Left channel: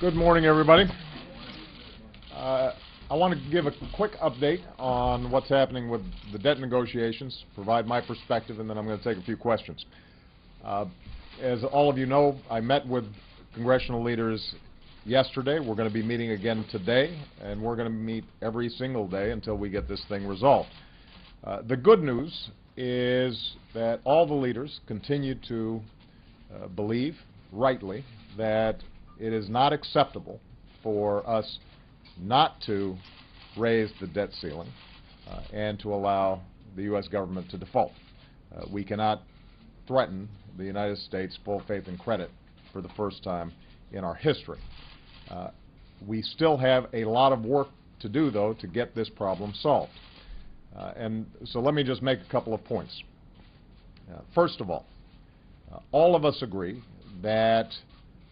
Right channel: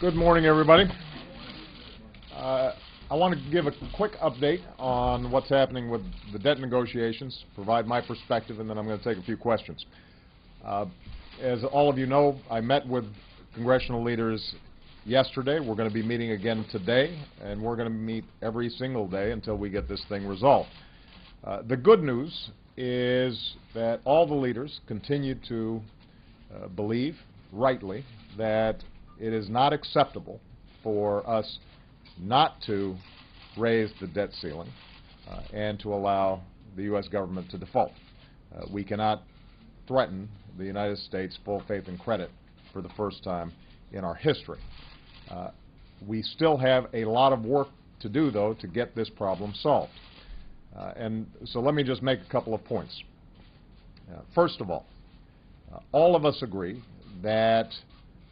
Good morning, everybody. I want to give a quick update on what's happening with the debt negotiations, provide my perspective, and then I'm going to take a few questions. As all of you know, I met with congressional leaders yesterday. We're going to be meeting again today, and we're going to meet every single day until we get this thing resolved. The good news is that all the leaders continue to believe, rightly, that it is not acceptable for us not to raise the debt ceiling and to allow the U.S. government to default. We cannot threaten the United States full faith and credit for the first time in our history. We still have a lot of work to do, though, to get this problem solved. And so let me just make a couple of points. First of all of us agree that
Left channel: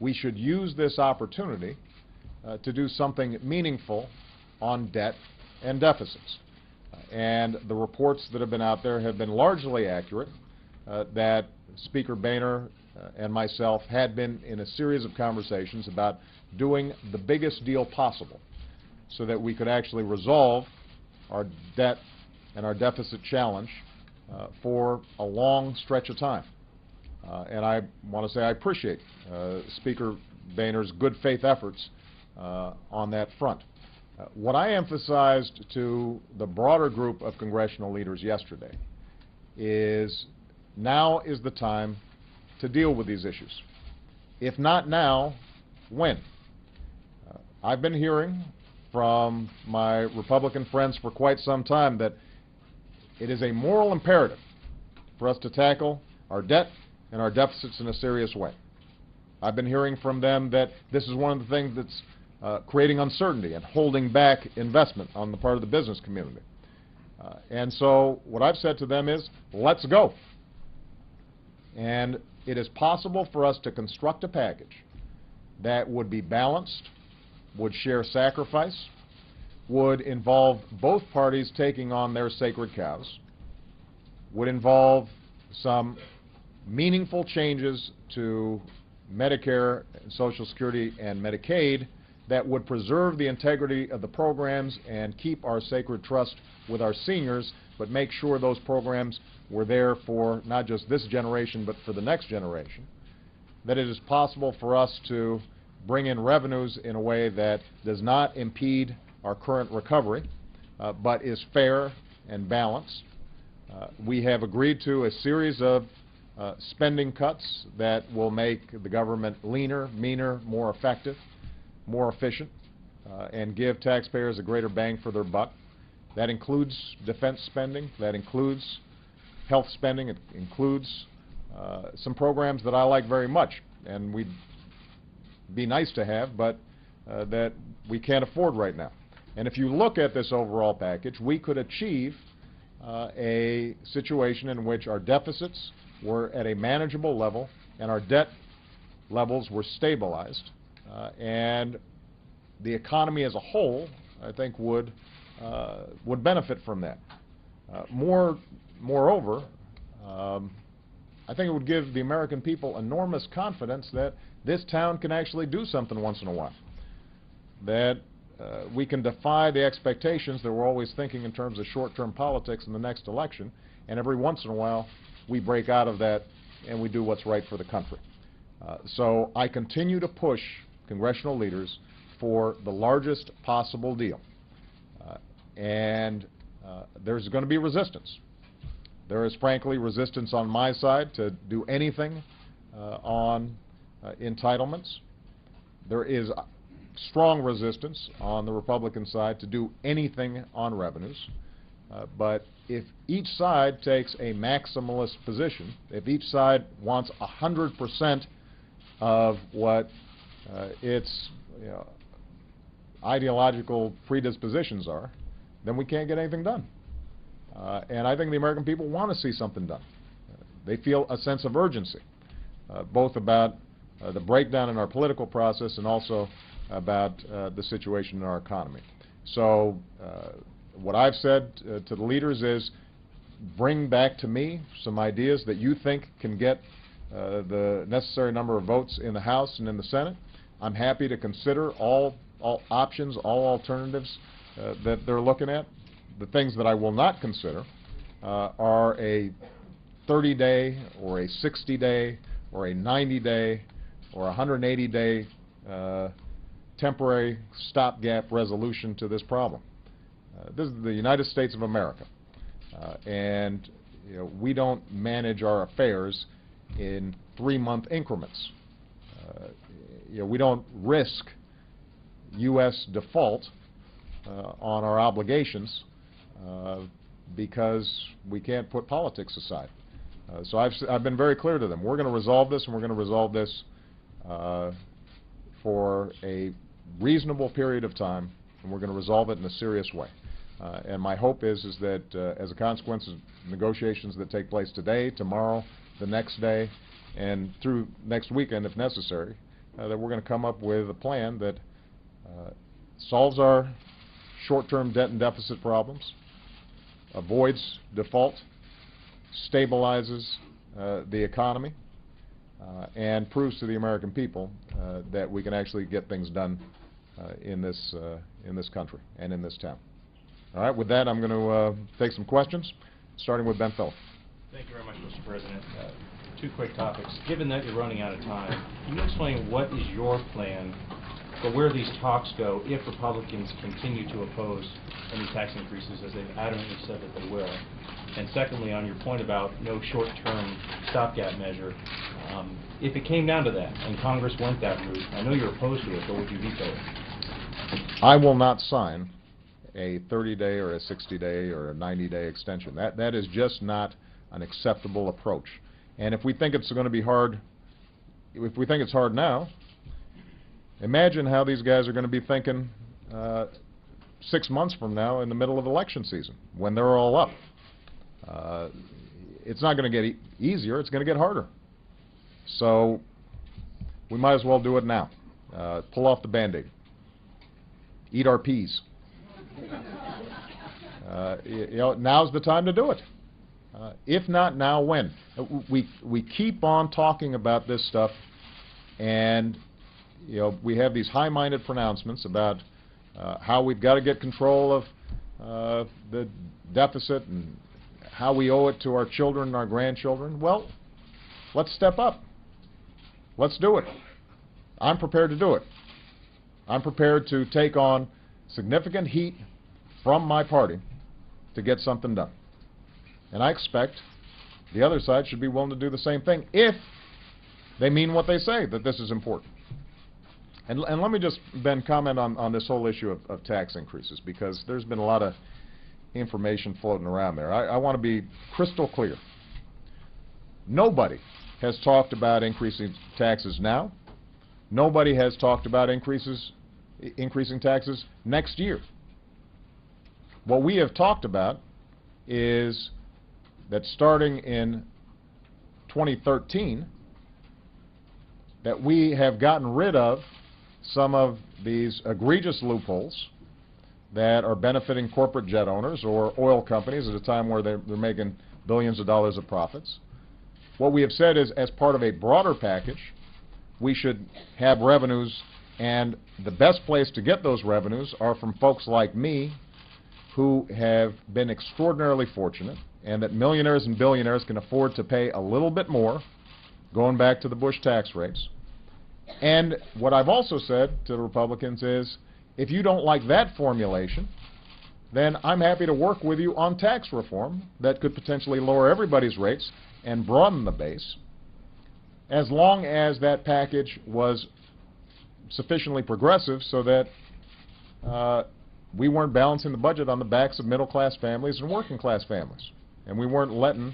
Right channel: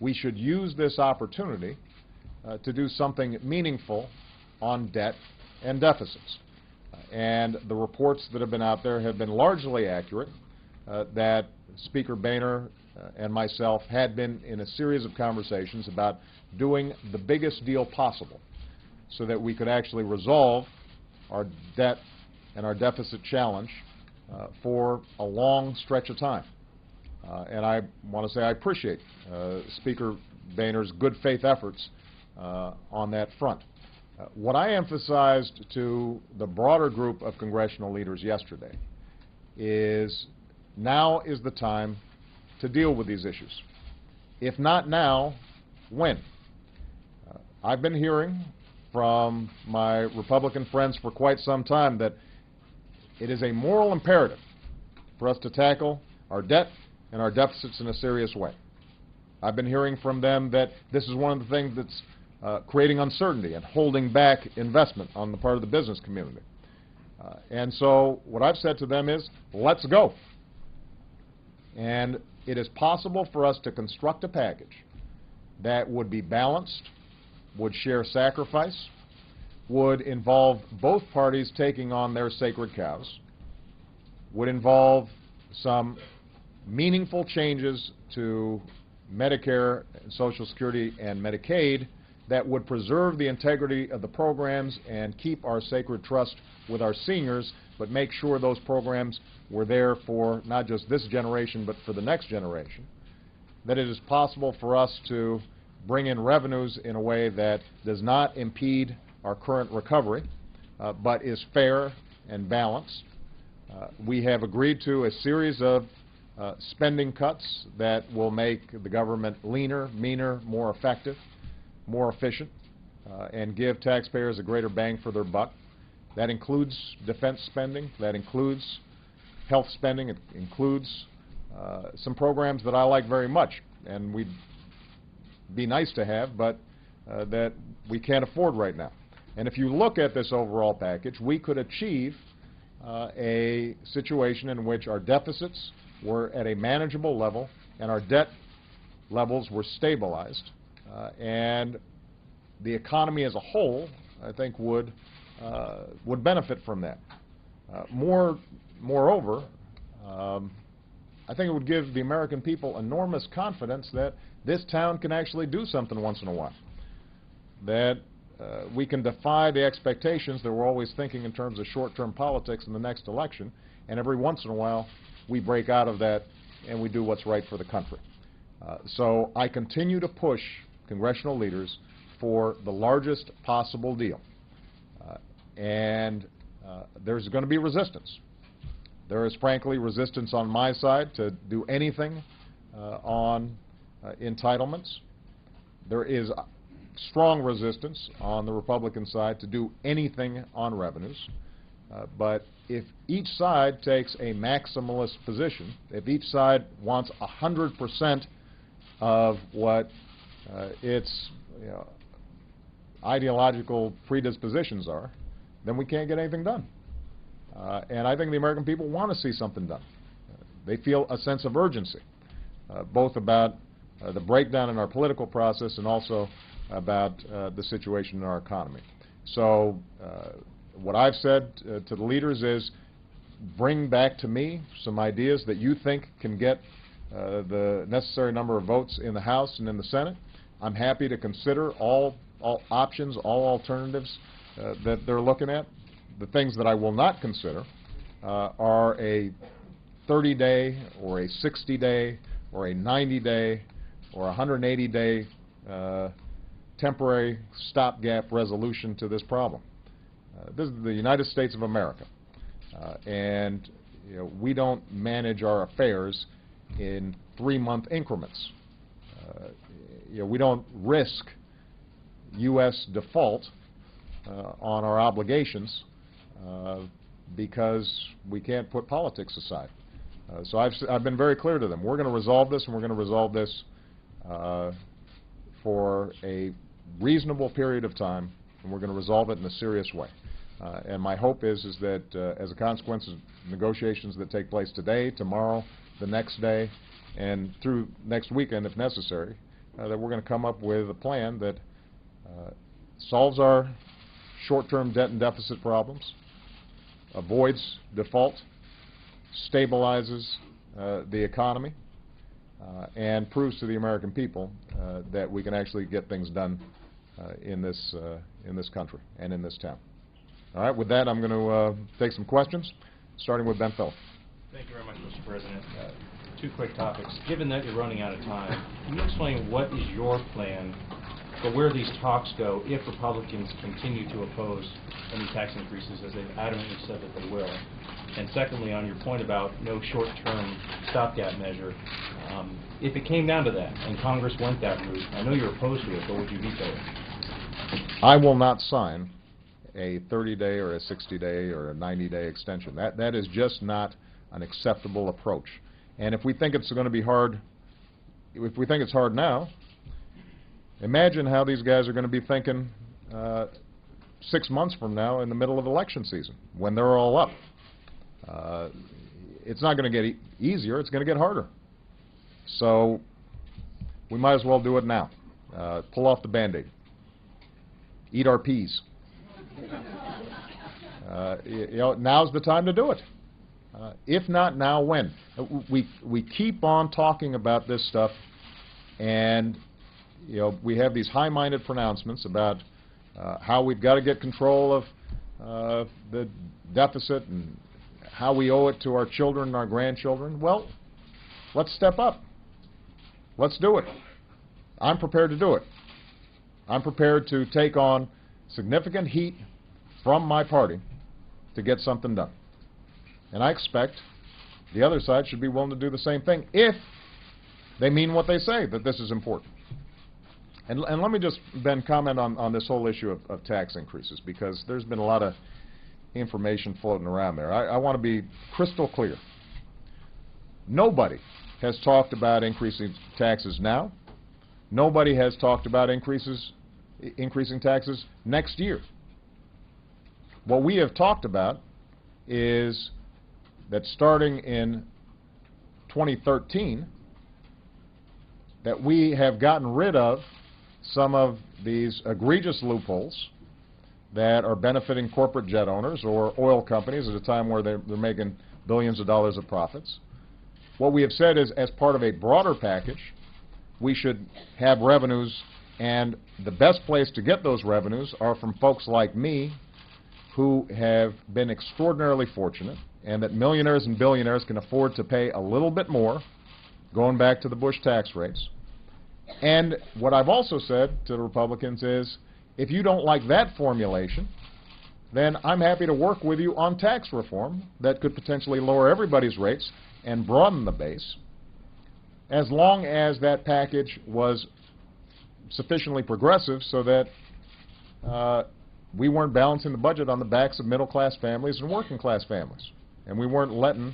we should use this opportunity to do something meaningful on debt and deficits. And the reports that have been out there have been largely accurate, that Speaker Boehner and myself had been in a series of conversations about doing the biggest deal possible so that we could actually resolve our debt and our deficit challenge for a long stretch of time. And I want to say I appreciate Speaker Boehner's good faith efforts on that front. What I emphasized to the broader group of congressional leaders yesterday is now is the time to deal with these issues. If not now, when? I've been hearing from my Republican friends for quite some time that it is a moral imperative for us to tackle our debt and our deficits in a serious way. I've been hearing from them that this is one of the things that's creating uncertainty and holding back investment on the part of the business community. And so what I've said to them is, let's go. And it is possible for us to construct a package that would be balanced, would share sacrifice, would involve both parties taking on their sacred cows, would involve some meaningful changes to Medicare, Social Security, and Medicaid that would preserve the integrity of the programs and keep our sacred trust with our seniors, but make sure those programs were there for not just this generation, but for the next generation. That it is possible for us to bring in revenues in a way that does not impede our current recovery, but is fair and balanced. We have agreed to a series of spending cuts that will make the government leaner, meaner, more effective, more efficient, and give taxpayers a greater bang for their buck. That includes defense spending, that includes health spending, it includes some programs that I like very much and we'd be nice to have, but that we can't afford right now. And if you look at this overall package, we could achieve a situation in which our deficits were at a manageable level and our debt levels were stabilized, and the economy as a whole, I think, would benefit from that. Moreover, I think it would give the American people enormous confidence that this town can actually do something once in a while, that we can defy the expectations that we're always thinking in terms of short-term politics in the next election, and every once in a while we break out of that and we do what's right for the country. So I continue to push congressional leaders for the largest possible deal. And there's going to be resistance. There is, frankly, resistance on my side to do anything on entitlements. There is strong resistance on the Republican side to do anything on revenues. But if each side takes a maximalist position, if each side wants 100% of what its ideological predispositions are, then we can't get anything done. And I think the American people want to see something done. They feel a sense of urgency, both about the breakdown in our political process and also about the situation in our economy. So what I've said to the leaders is, bring back to me some ideas that you think can get the necessary number of votes in the House and in the Senate, I'm happy to consider all options, all alternatives that they're looking at. The things that I will not consider are a 30-day or a 60-day or a 90-day or a 180-day temporary stopgap resolution to this problem. This is the United States of America, and we don't manage our affairs in 3-month increments. We don't risk U.S. default on our obligations because we can't put politics aside. So I've been very clear to them. We're going to resolve this, and we're going to resolve this for a reasonable period of time, and we're going to resolve it in a serious way. And my hope is that as a consequence of negotiations that take place today, tomorrow, the next day, and through next weekend if necessary, that we're going to come up with a plan that solves our short-term debt and deficit problems, avoids default, stabilizes the economy, and proves to the American people that we can actually get things done in this country and in this town. All right, with that, I'm going to take some questions, starting with Ben Phillip. Thank you very much, Mr. President. Two quick topics. Given that you're running out of time, can you explain what is your plan for where these talks go if Republicans continue to oppose any tax increases, as they've adamantly said that they will? And secondly, on your point about no short-term stopgap measure, if it came down to that and Congress went that route, I know you're opposed to it, but would you veto it? I will not sign a 30-day or a 60-day or a 90-day extension. That is just not an acceptable approach. And if we think it's going to be hard, if we think it's hard now, imagine how these guys are going to be thinking 6 months from now in the middle of election season, when they're all up. It's not going to get easier, it's going to get harder. So we might as well do it now. Pull off the Band-Aid. Eat our peas. Now's the time to do it. If not now, when? We keep on talking about this stuff, and we have these high-minded pronouncements about how we've got to get control of the deficit and how we owe it to our children and our grandchildren. Well, let's step up. Let's do it. I'm prepared to do it. I'm prepared to take on significant heat from my party to get something done. And I expect the other side should be willing to do the same thing if they mean what they say, that this is important. And let me just, Ben, comment on this whole issue of tax increases, because there's been a lot of information floating around there. I want to be crystal clear. Nobody has talked about increasing taxes now. Nobody has talked about increasing taxes next year. What we have talked about is that starting in 2013, that we have gotten rid of some of these egregious loopholes that are benefiting corporate jet owners or oil companies at a time where they're making billions of dollars of profits. What we have said is, as part of a broader package, we should have revenues, and the best place to get those revenues are from folks like me who have been extraordinarily fortunate, and that millionaires and billionaires can afford to pay a little bit more, going back to the Bush tax rates. And what I've also said to the Republicans is, if you don't like that formulation, then I'm happy to work with you on tax reform that could potentially lower everybody's rates and broaden the base, as long as that package was sufficiently progressive so that we weren't balancing the budget on the backs of middle-class families and working-class families. And we weren't letting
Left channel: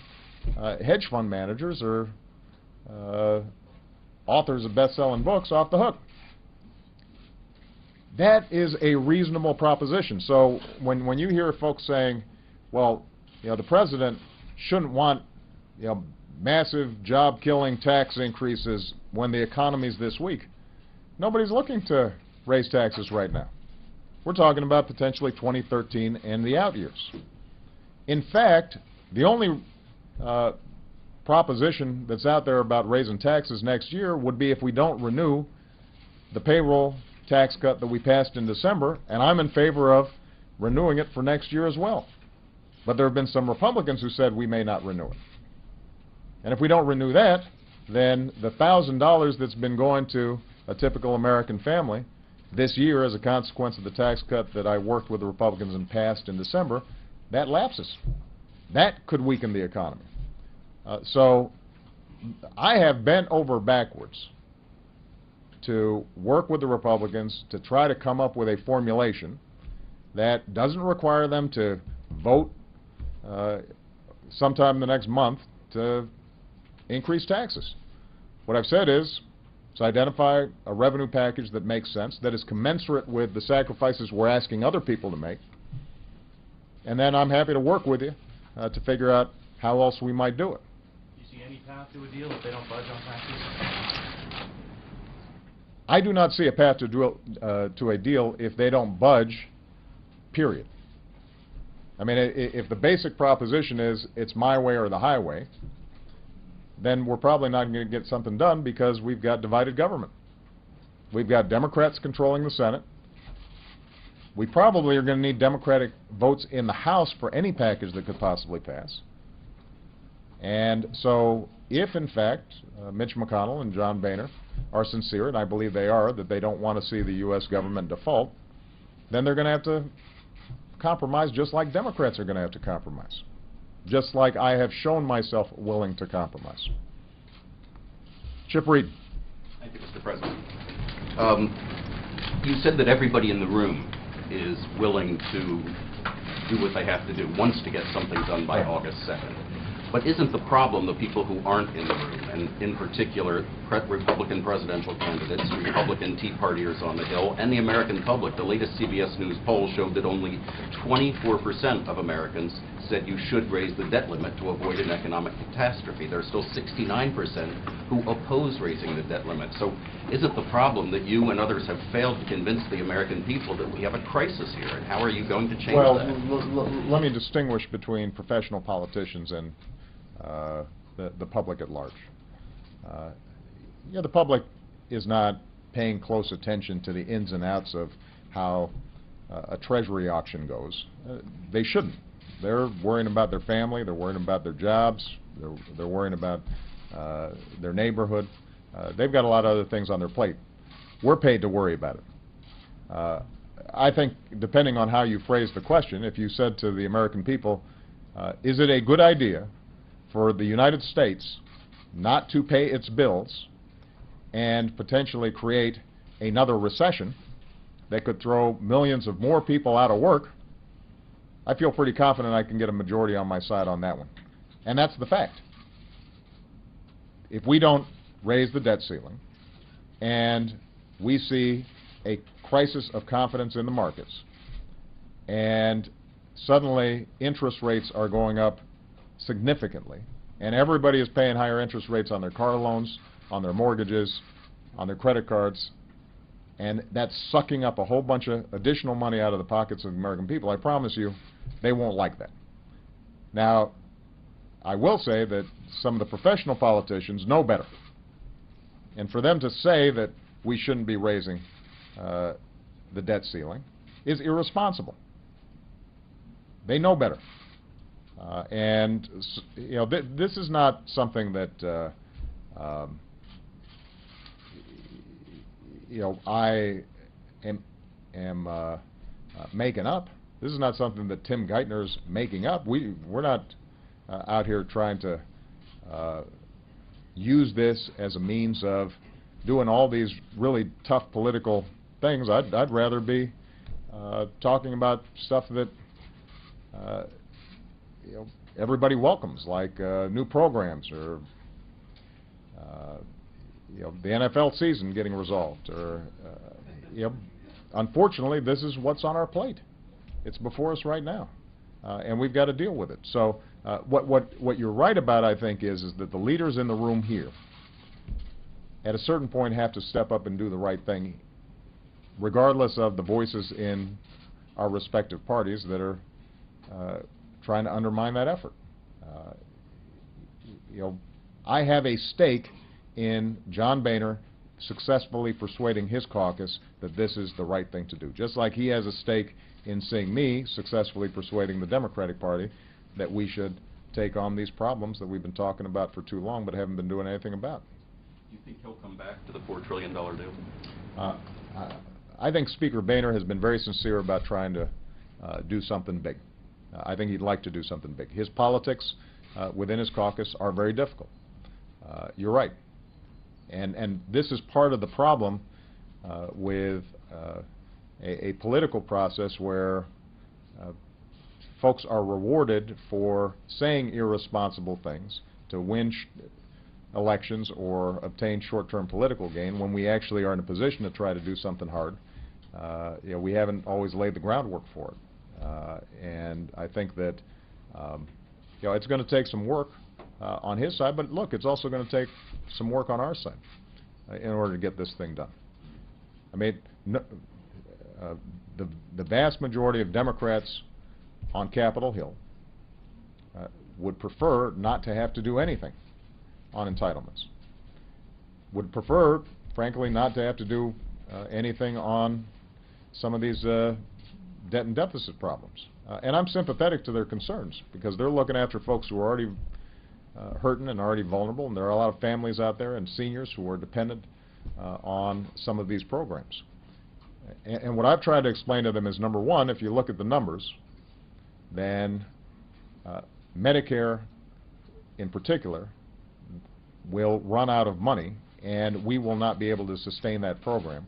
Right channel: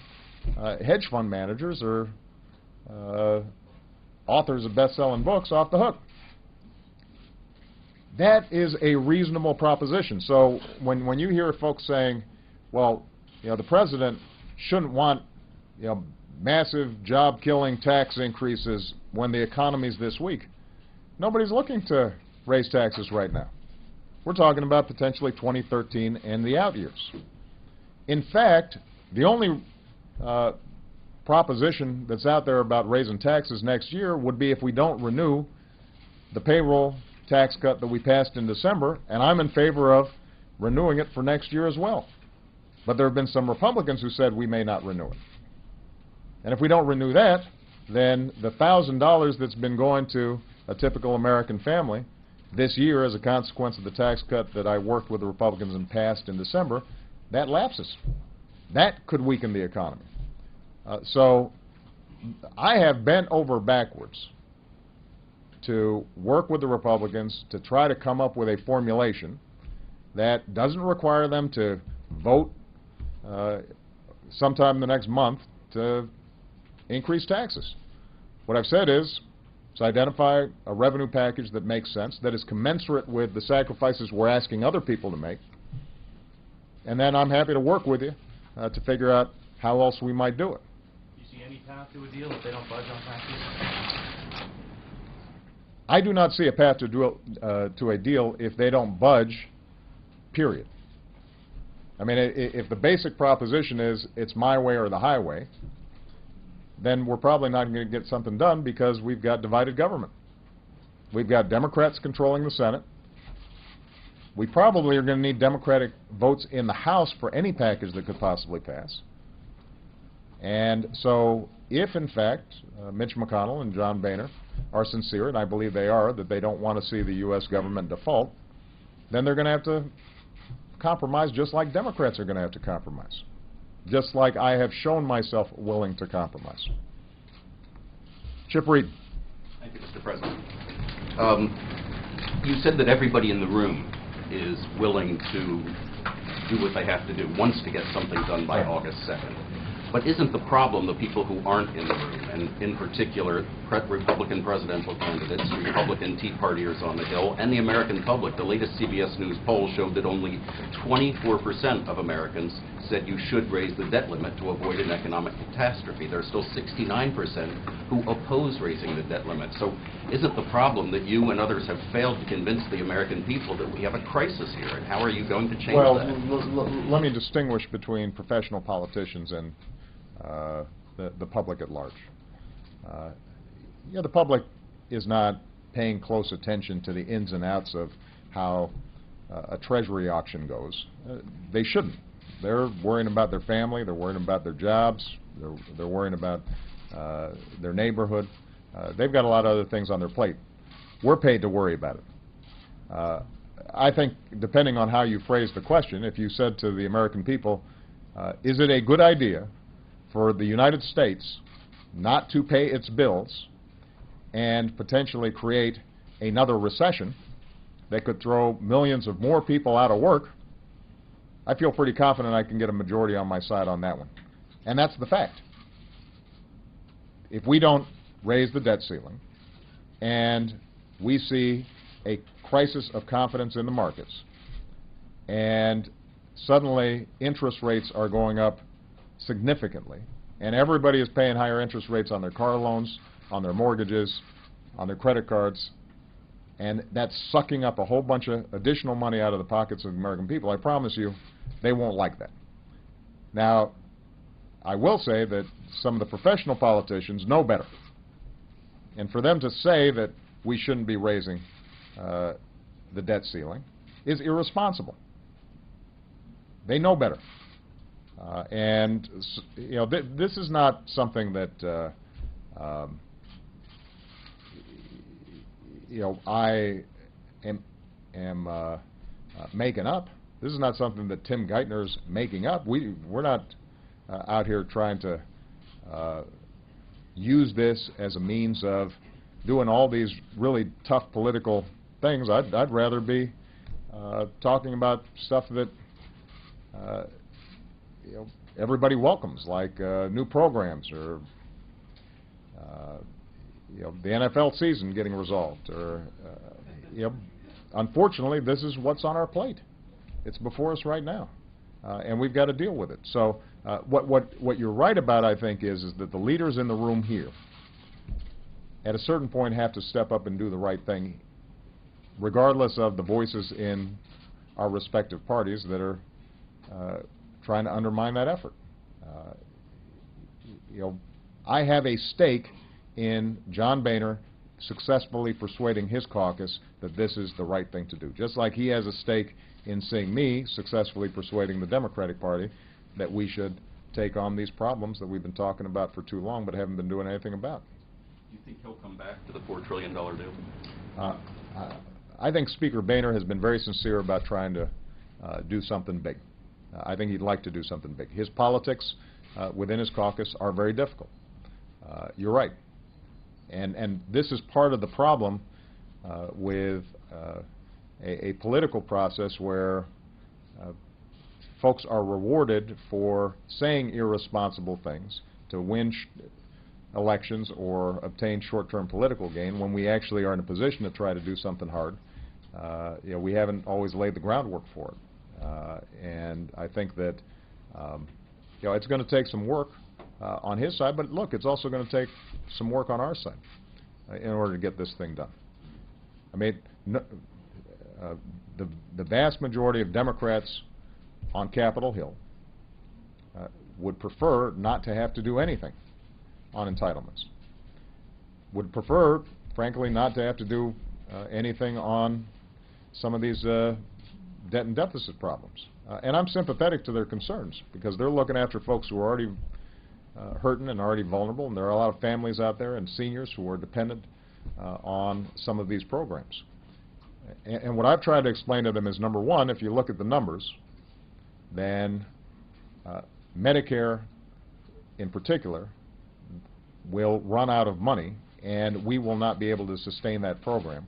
hedge fund managers or authors of best-selling books off the hook. That is a reasonable proposition. So when you hear folks saying, well, the president shouldn't want massive job-killing tax increases when the economy's this weak, nobody's looking to raise taxes right now. We're talking about potentially 2013 and the out years. In fact, the only proposition that's out there about raising taxes next year would be if we don't renew the payroll tax cut that we passed in December, and I'm in favor of renewing it for next year as well. But there have been some Republicans who said we may not renew it. And if we don't renew that, then the $1,000 that's been going to a typical American family this year as a consequence of the tax cut that I worked with the Republicans and passed in December, that lapses. That could weaken the economy. So I have bent over backwards to work with the Republicans to try to come up with a formulation that doesn't require them to vote sometime in the next month to increase taxes. What I've said is, let's identify a revenue package that makes sense, that is commensurate with the sacrifices we're asking other people to make, and then I'm happy to work with you to figure out how else we might do it. Do you see any path to a deal if they don't budge on taxes? I do not see a path to a deal if they don't budge, period. I mean, if the basic proposition is it's my way or the highway, then we're probably not going to get something done because we've got divided government. We've got Democrats controlling the Senate. We probably are going to need Democratic votes in the House for any package that could possibly pass. And so if, in fact, Mitch McConnell and John Boehner are sincere, and I believe they are, that they don't want to see the U.S. government default, then they're going to have to compromise just like Democrats are going to have to compromise, just like I have shown myself willing to compromise. Chip Reed. Thank you, Mr. President. You said that everybody in the room is willing to do what they have to do, wants to get something done by August 2nd. But isn't the problem the people who aren't in the room, and in particular Republican presidential candidates, Republican Tea Partiers on the Hill, and the American public? The latest CBS News poll showed that only 24% of Americans said you should raise the debt limit to avoid an economic catastrophe. There are still 69% who oppose raising the debt limit. So isn't the problem that you and others have failed to convince the American people that we have a crisis here, and how are you going to change that? Let me distinguish between professional politicians and the public at large. The public is not paying close attention to the ins and outs of how a Treasury auction goes. They shouldn't. They're worrying about their family, they're worrying about their jobs, they're worrying about their neighborhood. They've got a lot of other things on their plate. We're paid to worry about it. I think, depending on how you phrase the question, if you said to the American people, is it a good idea for the United States not to pay its bills and potentially create another recession that could throw millions of more people out of work, I feel pretty confident I can get a majority on my side on that one. And that's the fact. If we don't raise the debt ceiling and we see a crisis of confidence in the markets and suddenly interest rates are going up significantly, and everybody is paying higher interest rates on their car loans, on their mortgages, on their credit cards, and that's sucking up a whole bunch of additional money out of the pockets of the American people, I promise you they won't like that. Now, I will say that some of the professional politicians know better, and for them to say that we shouldn't be raising the debt ceiling is irresponsible. They know better. And this is not something that I am making up. This is not something that Tim Geithner's making up. We're not out here trying to use this as a means of doing all these really tough political things. I'd rather be talking about stuff that everybody welcomes, like new programs, or the NFL season getting resolved, or unfortunately, this is what's on our plate. It's before us right now, and we've got to deal with it. So what you're right about, I think, is that the leaders in the room here, at a certain point, have to step up and do the right thing, regardless of the voices in our respective parties that are trying to undermine that effort. I have a stake in John Boehner successfully persuading his caucus that this is the right thing to do. Just like he has a stake in seeing me successfully persuading the Democratic Party that we should take on these problems that we've been talking about for too long but haven't been doing anything about. Do you think he'll come back to the $4 trillion deal? I think Speaker Boehner has been very sincere about trying to do something big. I think he'd like to do something big. His politics within his caucus are very difficult. You're right. And this is part of the problem with a political process where folks are rewarded for saying irresponsible things to win elections or obtain short-term political gain when we actually are in a position to try to do something hard. We haven't always laid the groundwork for it. And I think that it's going to take some work on his side, but look, it's also going to take some work on our side in order to get this thing done. I mean, the vast majority of Democrats on Capitol Hill would prefer not to have to do anything on entitlements. Would prefer, frankly, not to have to do anything on some of these debt and deficit problems. And I'm sympathetic to their concerns because they're looking after folks who are already hurting and already vulnerable, and there are a lot of families out there and seniors who are dependent on some of these programs. And what I've tried to explain to them is, number one, if you look at the numbers, then Medicare in particular will run out of money, and we will not be able to sustain that program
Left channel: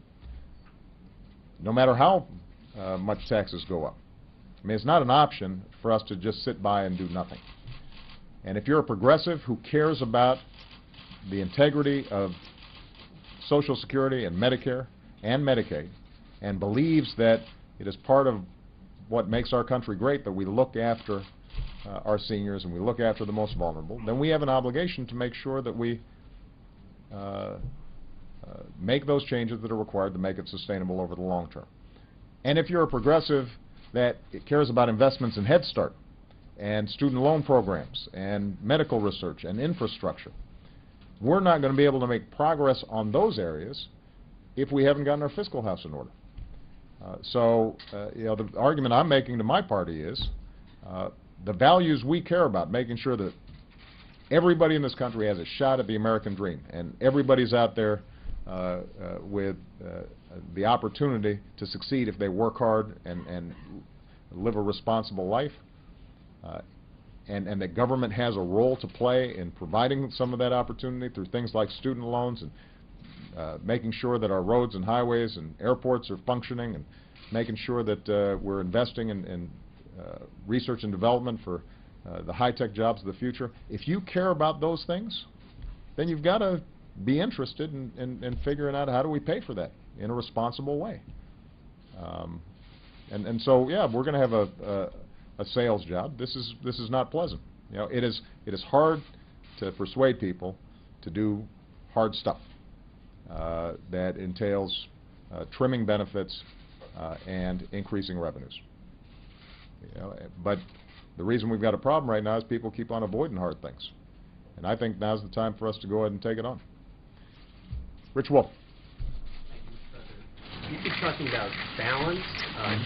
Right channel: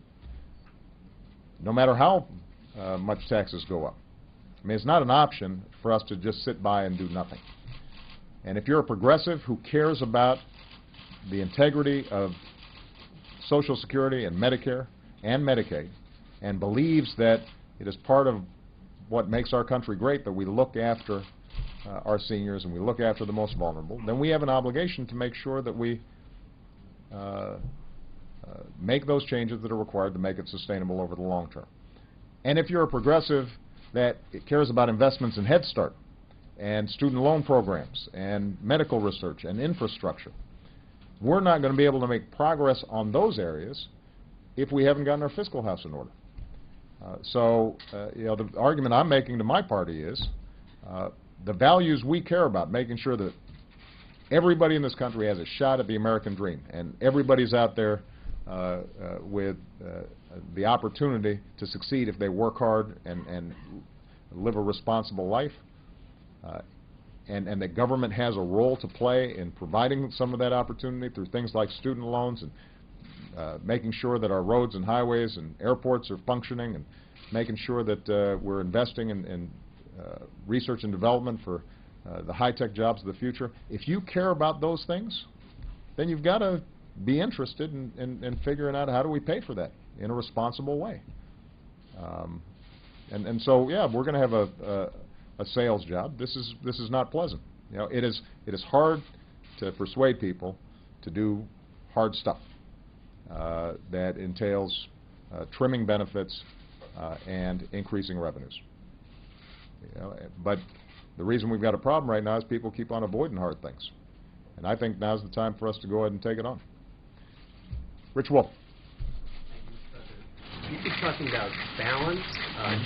no matter how much taxes go up. I mean, it's not an option for us to just sit by and do nothing. And if you're a progressive who cares about the integrity of Social Security and Medicare and Medicaid and believes that it is part of what makes our country great that we look after our seniors and we look after the most vulnerable, then we have an obligation to make sure that we make those changes that are required to make it sustainable over the long term. And if you're a progressive that cares about investments in Head Start and student loan programs and medical research and infrastructure, we're not going to be able to make progress on those areas if we haven't gotten our fiscal house in order. The argument I'm making to my party is the values we care about, making sure that everybody in this country has a shot at the American dream and everybody's out there with the opportunity to succeed if they work hard and live a responsible life, and that government has a role to play in providing some of that opportunity through things like student loans and making sure that our roads and highways and airports are functioning and making sure that we're investing in research and development for the high-tech jobs of the future. If you care about those things, then you've got to be interested in figuring out how do we pay for that in a responsible way. So, yeah, we're going to have a sales job. This is not pleasant. It is hard to persuade people to do hard stuff that entails trimming benefits and increasing revenues. But the reason we've got a problem right now is people keep on avoiding hard things. And I think now's the time for us to go ahead and take it on. Rich Wolf. You keep talking about balance,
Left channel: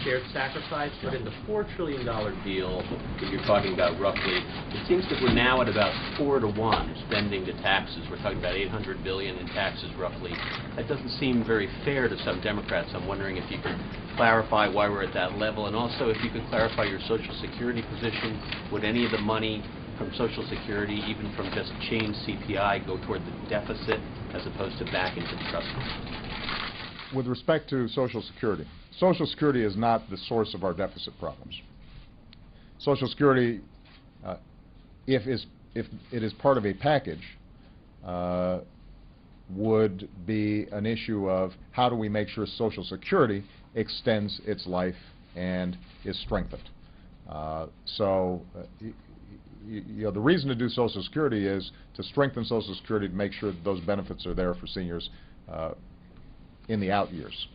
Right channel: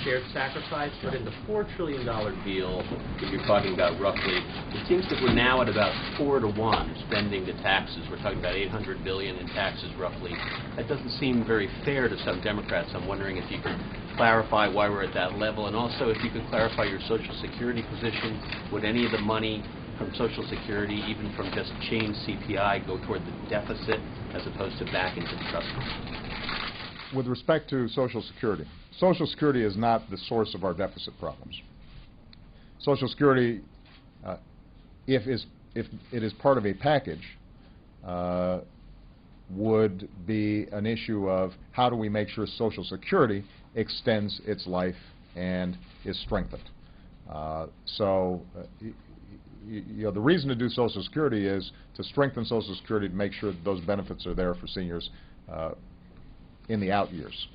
shared sacrifice, but in the $4 trillion deal that you're talking about roughly, it seems that we're now at about 4-to-1 spending to taxes. We're talking about $800 billion in taxes roughly. That doesn't seem very fair to some Democrats. I'm wondering if you could clarify why we're at that level, and also if you could clarify your Social Security position. Would any of the money from Social Security, even from just change CPI, go toward the deficit as opposed to back into the trust fund? With respect to Social Security is not the source of our deficit problems. Social Security, if it is part of a package, would be an issue of how do we make sure Social Security extends its life and is strengthened. The reason to do Social Security is to strengthen Social Security to make sure that those benefits are there for seniors in the out years.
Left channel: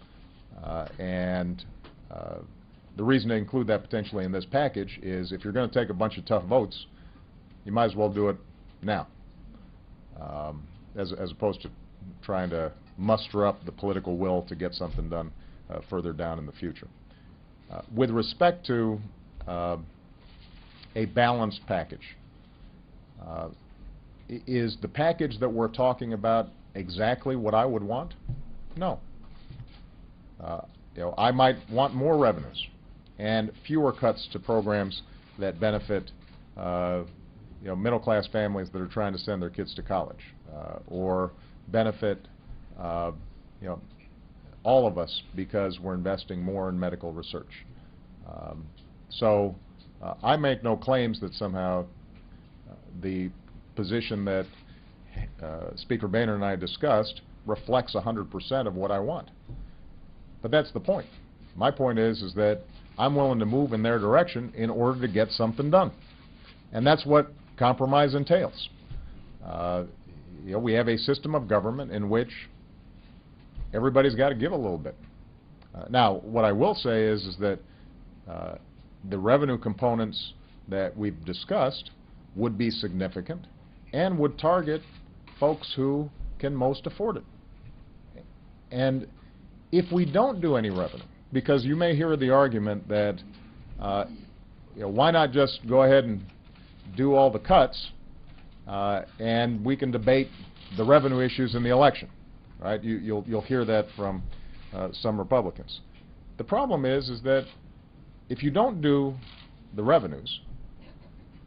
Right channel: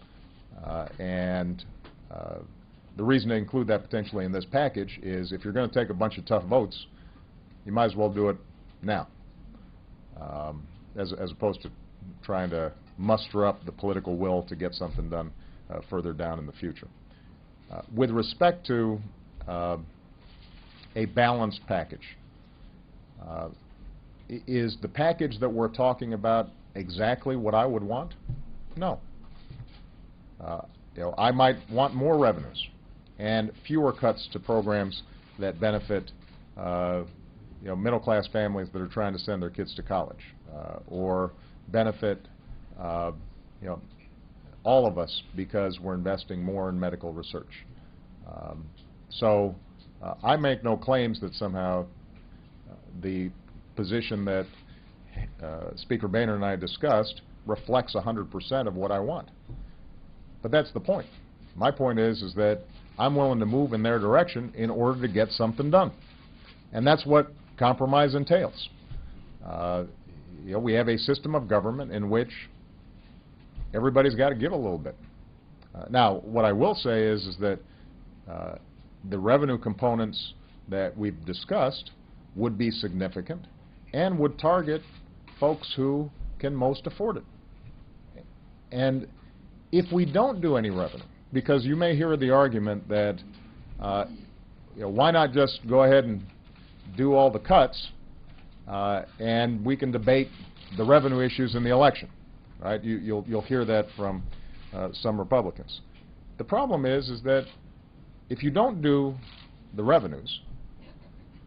The reason to include that potentially in this package is if you're going to take a bunch of tough votes, you might as well do it now, as opposed to trying to muster up the political will to get something done further down in the future. With respect to a balanced package, is the package that we're talking about exactly what I would want? No. I might want more revenues and fewer cuts to programs that benefit middle-class families that are trying to send their kids to college, or benefit all of us because we're investing more in medical research. So I make no claims that somehow the position that Speaker Boehner and I discussed reflects 100% of what I want. But that's the point. My point is that I'm willing to move in their direction in order to get something done. And that's what compromise entails. We have a system of government in which everybody's got to give a little bit. Now, what I will say is that the revenue components that we've discussed would be significant and would target folks who can most afford it. And if we don't do any revenue, because you may hear the argument that why not just go ahead and do all the cuts and we can debate the revenue issues in the election, right? You'll hear that from some Republicans. The problem is that if you don't do the revenues,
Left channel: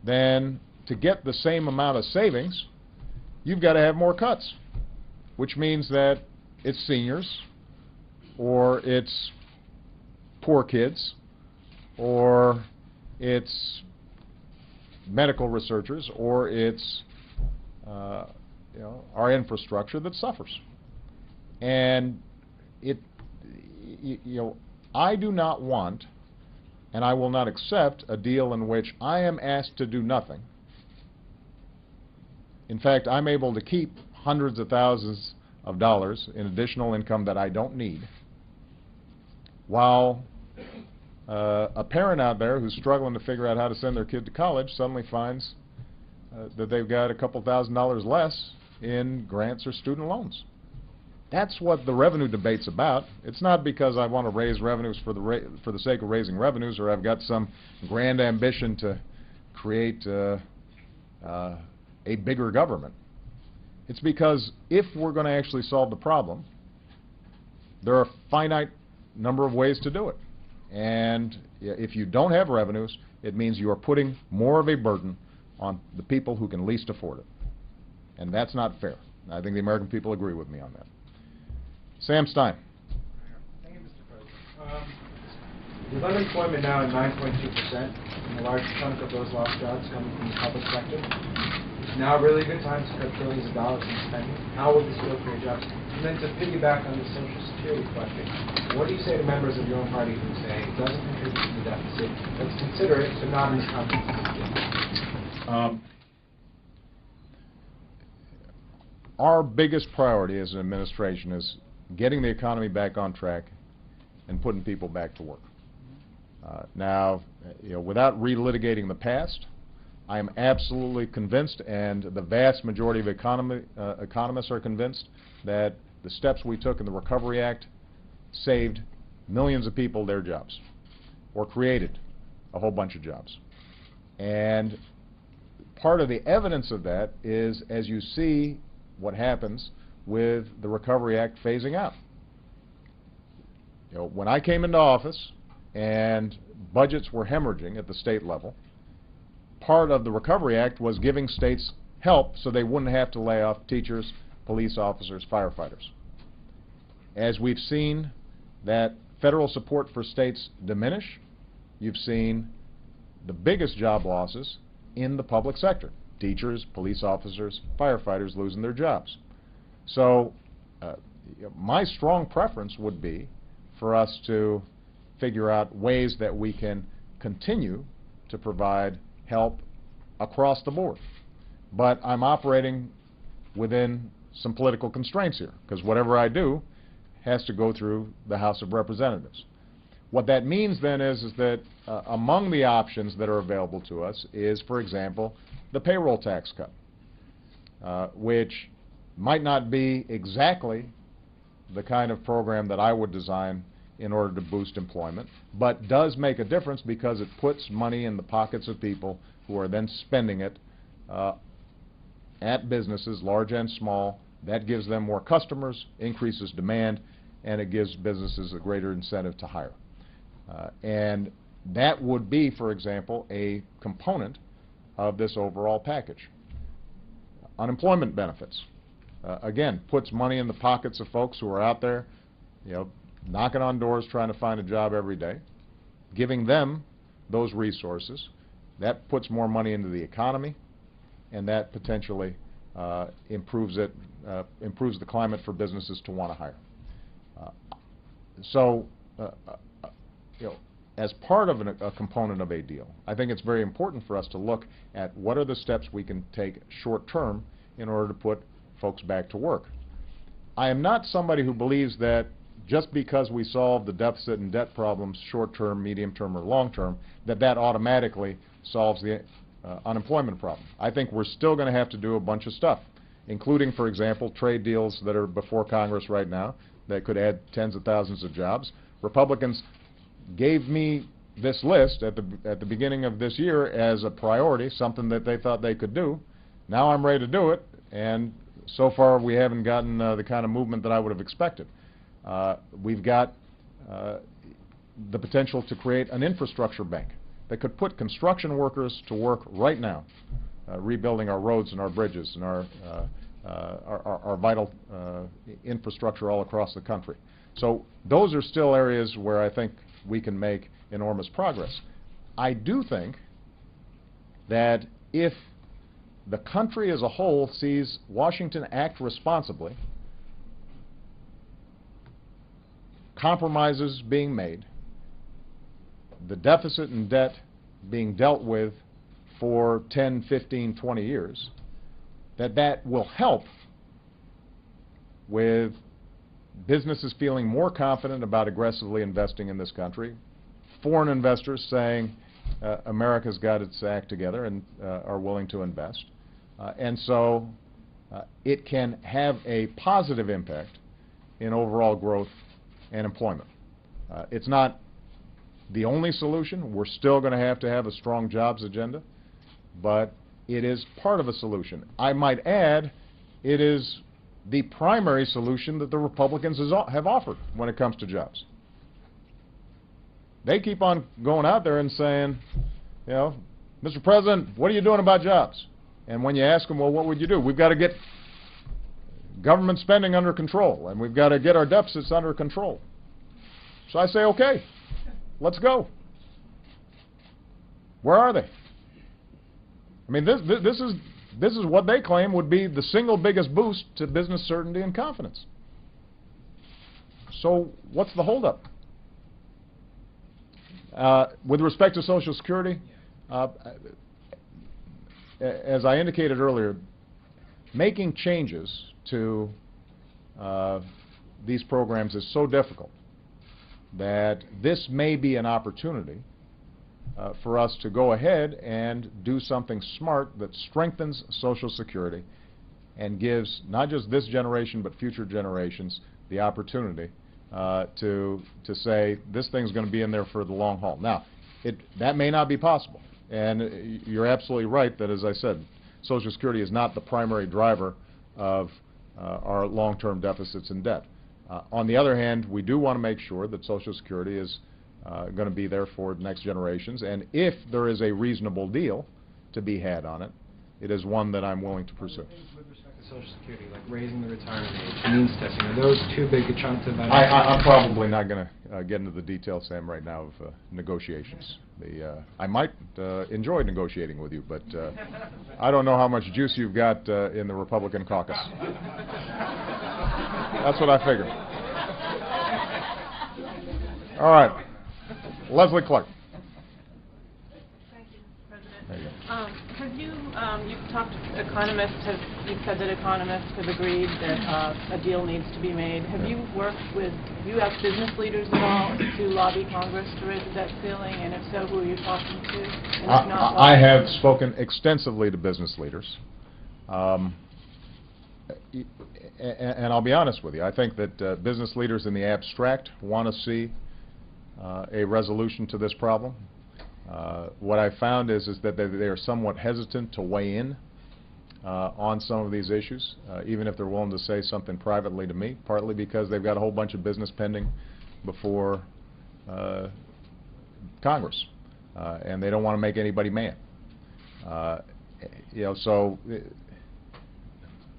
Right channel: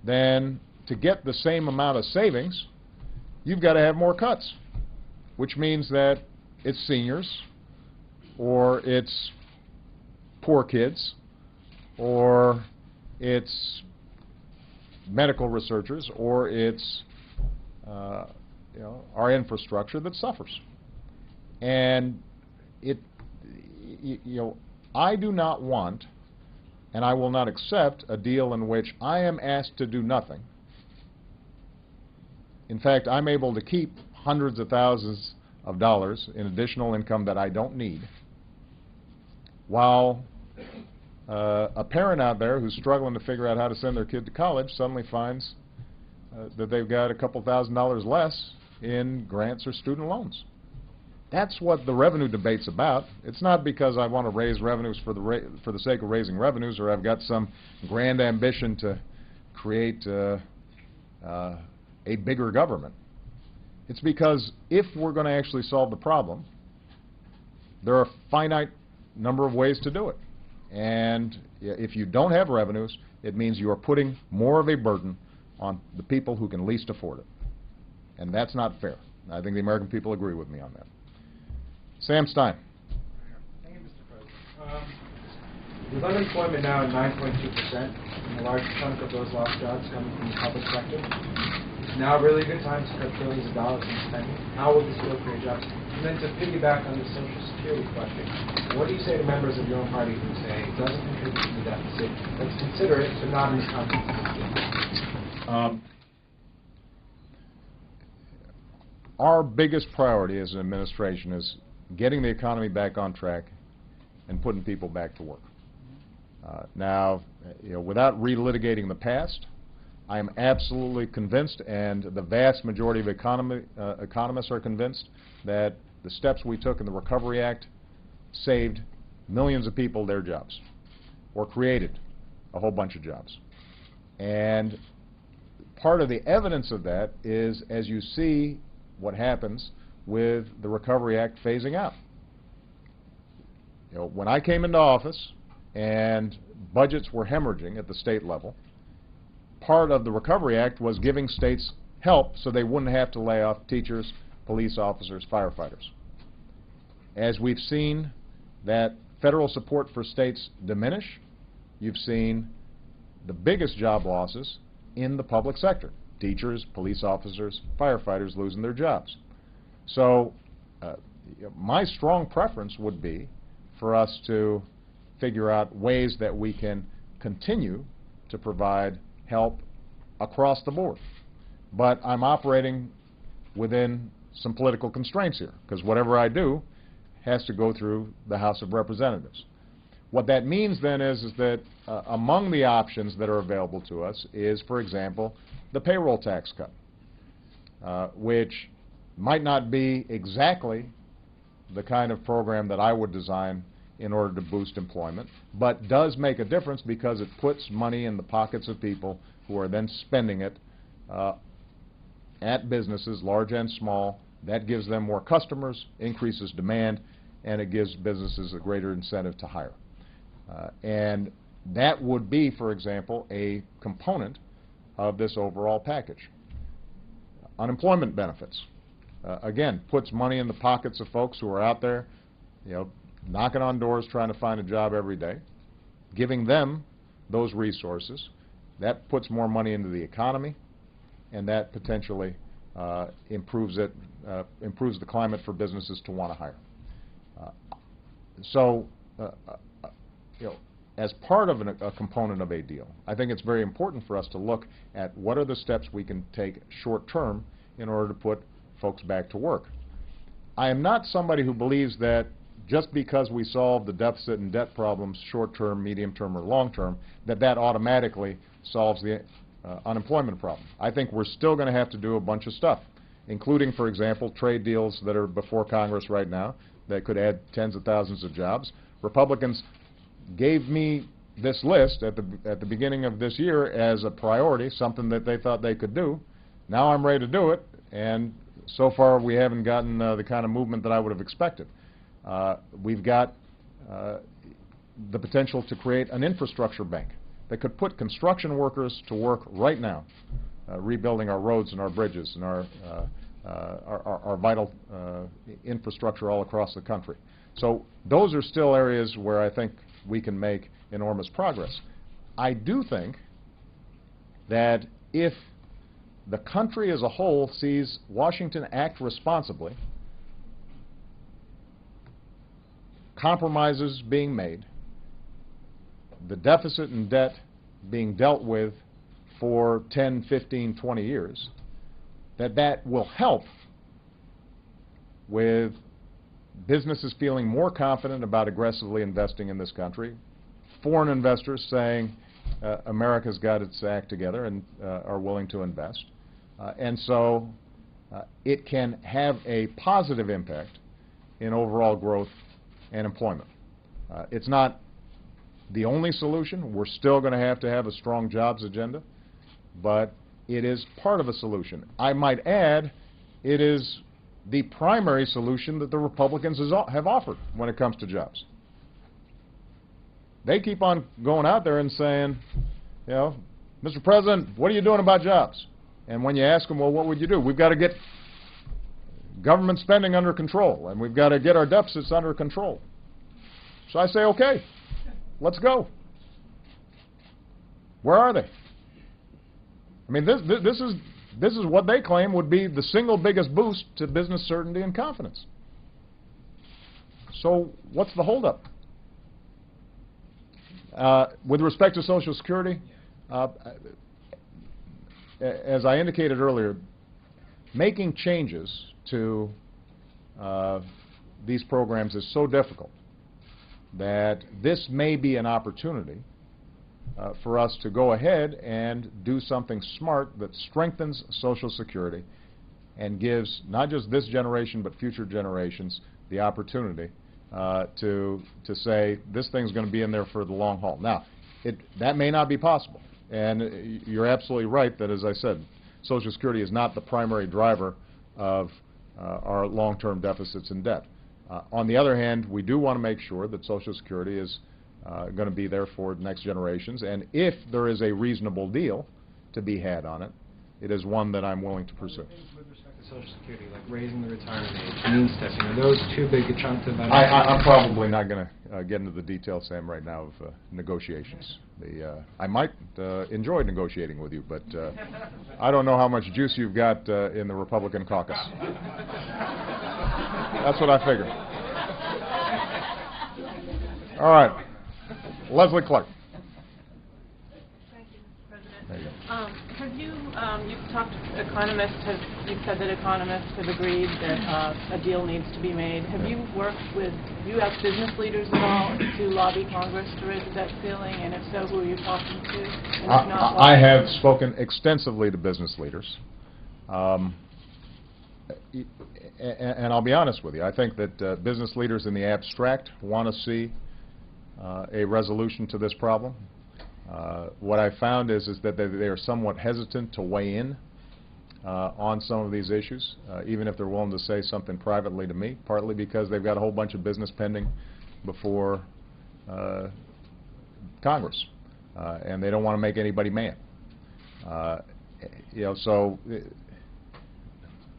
then to get the same amount of savings, you've got to have more cuts, which means that it's seniors, or it's poor kids, or it's medical researchers, or it's our infrastructure that suffers. And I do not want, and I will not accept, a deal in which I am asked to do nothing. In fact, I'm able to keep hundreds of thousands of dollars in additional income that I don't need, while a parent out there who's struggling to figure out how to send their kid to college suddenly finds that they've got a couple $1,000s less in grants or student loans. That's what the revenue debate's about. It's not because I want to raise revenues for the sake of raising revenues, or I've got some grand ambition to create a bigger government. It's because if we're going to actually solve the problem, there are a finite number of ways to do it. And if you don't have revenues, it means you are putting more of a burden on the people who can least afford it. And that's not fair. I think the American people agree with me on that. Sam Stein. Thank you, Mr. President. With unemployment now at 9.2%, and a large chunk of those lost jobs coming from the public sector, it's now really a good time to cut billions of dollars in spending. How will this will create jobs? And then to piggyback on the Social Security question, what do you say to members of your own party who say it doesn't contribute to the deficit, let's consider it, but not in this context? Our biggest priority as an administration is getting the economy back on track and putting people back to work. Now, without relitigating the past, I am absolutely convinced, and the vast majority of economists are convinced, that the steps we took in the Recovery Act saved millions of people their jobs, or created a whole bunch of jobs. And part of the evidence of that is as you see what happens with the Recovery Act phasing out. When I came into office and budgets were hemorrhaging at the state level, part of the Recovery Act was giving states help so they wouldn't have to lay off teachers, police officers, firefighters. As we've seen that federal support for states diminish, you've seen the biggest job losses in the public sector. Teachers, police officers, firefighters losing their jobs. So my strong preference would be for us to figure out ways that we can continue to provide help across the board. But I'm operating within some political constraints here, because whatever I do has to go through the House of Representatives. What that means then is that among the options that are available to us is, for example, the payroll tax cut, which might not be exactly the kind of program that I would design in order to boost employment, but does make a difference because it puts money in the pockets of people who are then spending it at businesses, large and small. That gives them more customers, increases demand, and it gives businesses a greater incentive to hire. And that would be, for example, a component of this overall package. Unemployment benefits, again, puts money in the pockets of folks who are out there, you know, knocking on doors trying to find a job every day, giving them those resources. That puts more money into the economy, and that potentially improves the climate for businesses to want to hire. You know, as part of a component of a deal, I think it's very important for us to look at what are the steps we can take short term in order to put folks back to work. I am not somebody who believes that just because we solve the deficit and debt problems short term, medium term, or long term, that automatically solves the unemployment problem. I think we're still going to have to do a bunch of stuff, including, for example, trade deals that are before Congress right now that could add tens of thousands of jobs. Republicans gave me this list at the beginning of this year as a priority, something that they thought they could do. Now I'm ready to do it, and so far we haven't gotten the kind of movement that I would have expected. We've got the potential to create an infrastructure bank that could put construction workers to work right now, rebuilding our roads and our bridges and our vital infrastructure all across the country. So those are still areas where I think we can make enormous progress. I do think that if the country as a whole sees Washington act responsibly, compromises being made, the deficit and debt being dealt with for 10, 15, 20 years, that will help with businesses feeling more confident about aggressively investing in this country, foreign investors saying America's got its act together and are willing to invest. And so it can have a positive impact in overall growth and employment. It's not the only solution. We're still going to have a strong jobs agenda, but it is part of a solution. I might add, it is the primary solution that the Republicans have offered when it comes to jobs. They keep on going out there and saying, you know, Mr. President, what are you doing about jobs? And when you ask them, well, what would you do? We've got to get government spending under control, and we've got to get our deficits under control. So I say, okay, let's go. Where are they? I mean, this is what they claim would be the single biggest boost to business certainty and confidence. So what's the holdup? With respect to Social Security, as I indicated earlier, making changes to these programs is so difficult that this may be an opportunity for us to go ahead and do something smart that strengthens Social Security and gives not just this generation but future generations the opportunity to say this thing's going to be in there for the long haul. Now, that may not be possible, and you're absolutely right that, as I said, Social Security is not the primary driver of our long-term deficits and debt. On the other hand, we do want to make sure that Social Security is going to be there for the next generations, and if there is a reasonable deal to be had on it, it is one that I'm willing to pursue. With respect to Social Security, like raising the retirement age, means testing, are those too big a chunk to benefit? I'm probably not going to get into the details, Sam, right now of negotiations. I might enjoy negotiating with you, but I don't know how much juice you've got in the Republican caucus. That's what I figured. All right. Leslie Clark. Thank you, Mr. President. There you go. You've talked, you've said that economists have agreed that a deal needs to be made. Have you worked with U.S. business leaders at all to lobby Congress to raise the debt ceiling, and if so, who are you talking to? And if not, I have spoken extensively to business leaders. and I'll be honest with you, I think that business leaders in the abstract want to see a resolution to this problem. What I found is that they are somewhat hesitant to weigh in on some of these issues, even if they're willing to say something privately to me, partly because they've got a whole bunch of business pending before Congress, and they don't want to make anybody mad. You know, so